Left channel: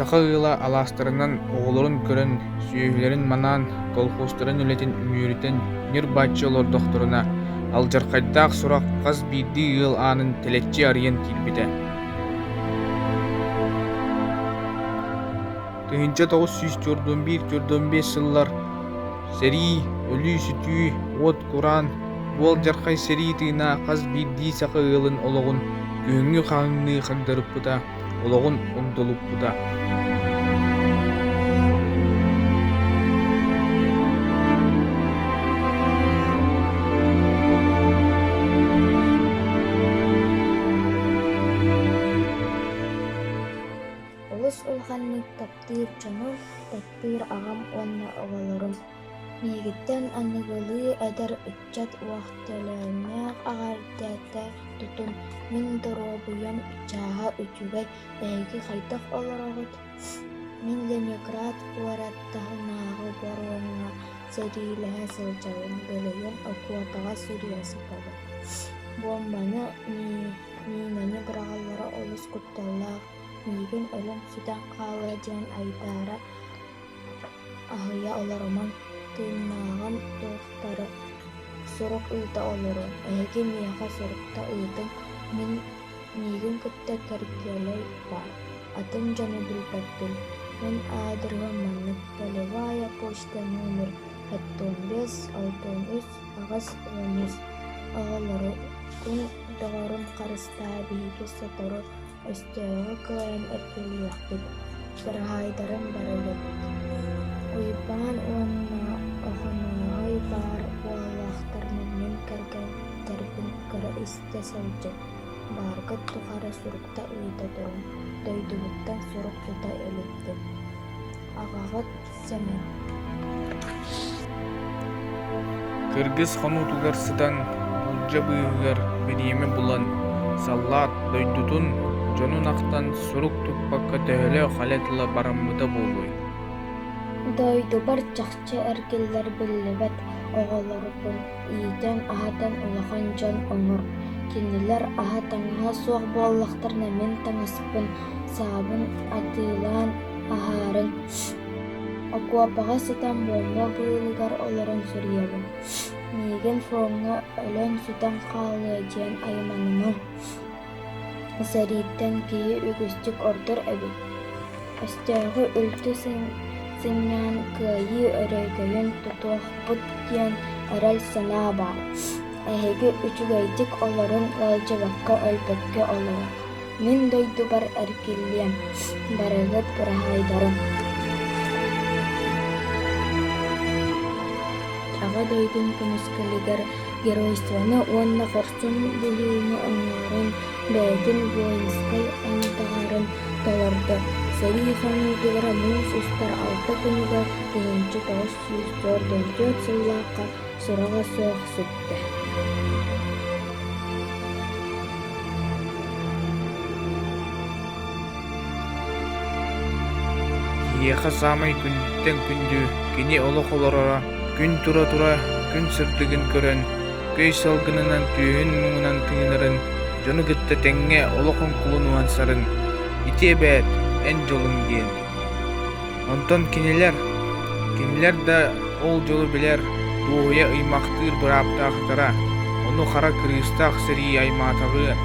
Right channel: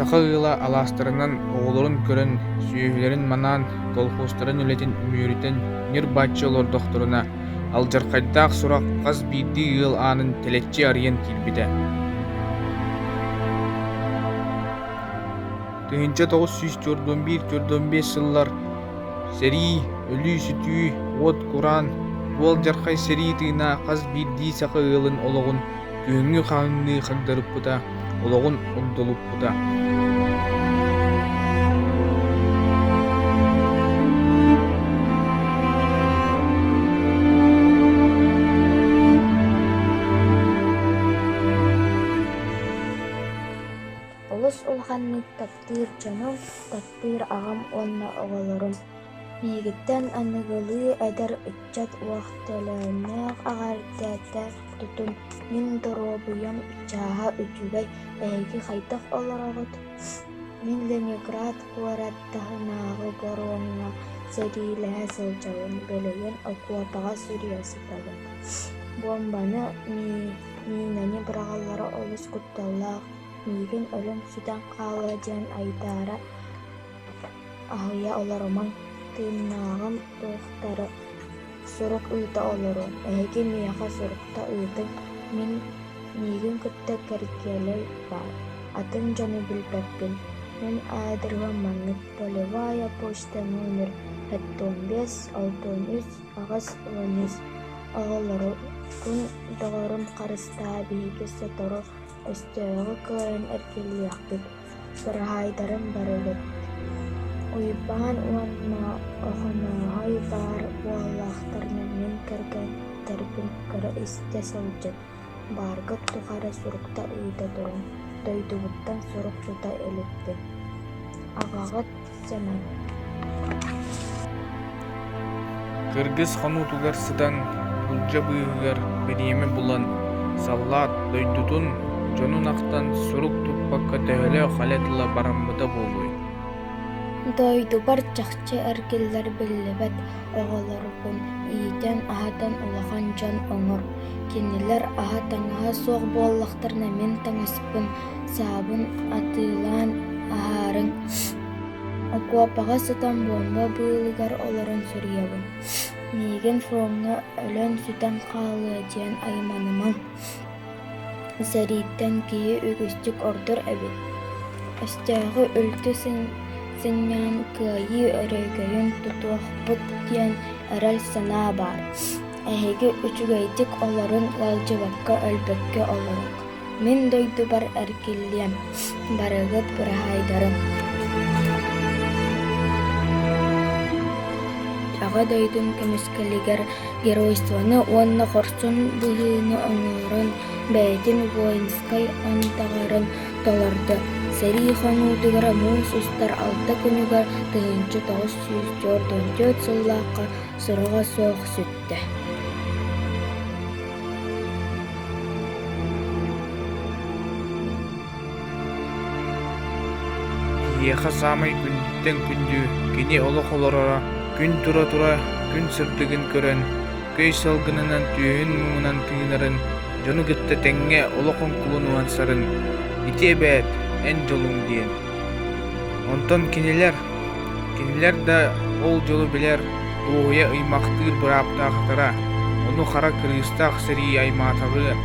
сахагыла аластарынан оголорун көрөн сүйөһүлерин манан колхозтарын үлетин үмүөрүтен нир баччы олордохторуна алжаркайдаах сурак каз биирди ыал аанын телеччи арыйан киирбите. Тыһынча 941-45 сыллар серии өлүү сүтүү уот кураан буол жаркай серии тыына каз биирдии саха ыалын ологун күһүҥҥү хааңныы хагдарыппыта, ологун огдолуппута. Олус улаханнык таптыыр дьоном, таптыыр аҕам уонна оҕолорум. Биигиттэн анныгылыы эдэр ыччат уохтөлөөннөөх аҕардыата тутун мин доробуйан чааһа үчүгэй эһиги хайдах олороҕут. Мин Ленинград куораттаһынааҕы боруоҥҥа сэриилэһэ сылдьабын, бэлэйэн окуопаҕа сүрүөсүтабын. Бомбаны минаны быраҕаллара олус кутталлаах, миигин өлөм сүтэн хаалыа диэн айдаара аһыйа олоромаҥ. Тыыннааҕым туохтары сурук ыыта олоруом, эһиги миэхэ сурукта ыытыҥ миигин кытта кэргиэлэй баар. Атын дьону билбэппин. Мен аадырыгам маннык полевая почта номер 75-63 аҕас 13 оҕолору күн доҕорун харыстаа биһиги сотору өстөөгө кыарын эркелиэхпит, быраһайдарым барыгыт. Уйбаан уонна охонооһой баар буоллаахтарына мин кэргэнтербин көрө истэ сылдьыт. Бааргыт тухары сурукта ыыта турун, дойдубуттан сурук сута өлүппүн. Аҕаҕыт Сэмэн. Кыргыз хонутугар сытан булжа быыһыгар бириэме булан саллаат дойдутун дьонун ахтан сурук туппакка төһөлө халетыла бараммыта буолуой. Дойдубар чахча эркиллер биллибет оҕолорукун иитэн аһатан улахан дьон оҥор. Кинилэр аһа таҥаһа суох буоллахтарына мин таҥаспын, саабын атыылаан аһаарыҥ. Окуопаҕа сытан буомма быылыгар олорон сурьиэбин. Миигин фуомҥа өлөн сүтэн хаалыа диэн айманымаҥ. Сэрииттэн киһи үгүстүк ордор эбит. Өстөөхү үлтү сынньаан кыайыы өрөйгөйүн тутуохпут диэн эрэл санаа баар. Эһиги үчүгэйдик олорун ыалдьыбакка өлбөккө олоро. Мин дойдубар эркиллиэм, барыгыт быраһайдарым. Аҕа дойдун көмүскэлигэр геройствону уонна хорсун быһыыны оҥоорун, бэйэтин воинскай онутаҕарын тоҥордо. Серии хонуутугара муус устар алта күнүгэр тыһынчы 944 сыллаахха суруга суох сүттэ. Киэхэ саамай күндүттэн күндүү кини олох олорора күн тура күн сырдыгын көрөн, көй салгынынан түйүн муңунан тыынарын, дьону кытта тэҥҥэ олохун кулун уансарын, ити эбээт эн жолуң диэн. Онтон кинилэр да ол жолу билэр дуоһуя ыймахтыыр бырааптаахтара, ону хара кырыыстаах серии аймаатаҕыар.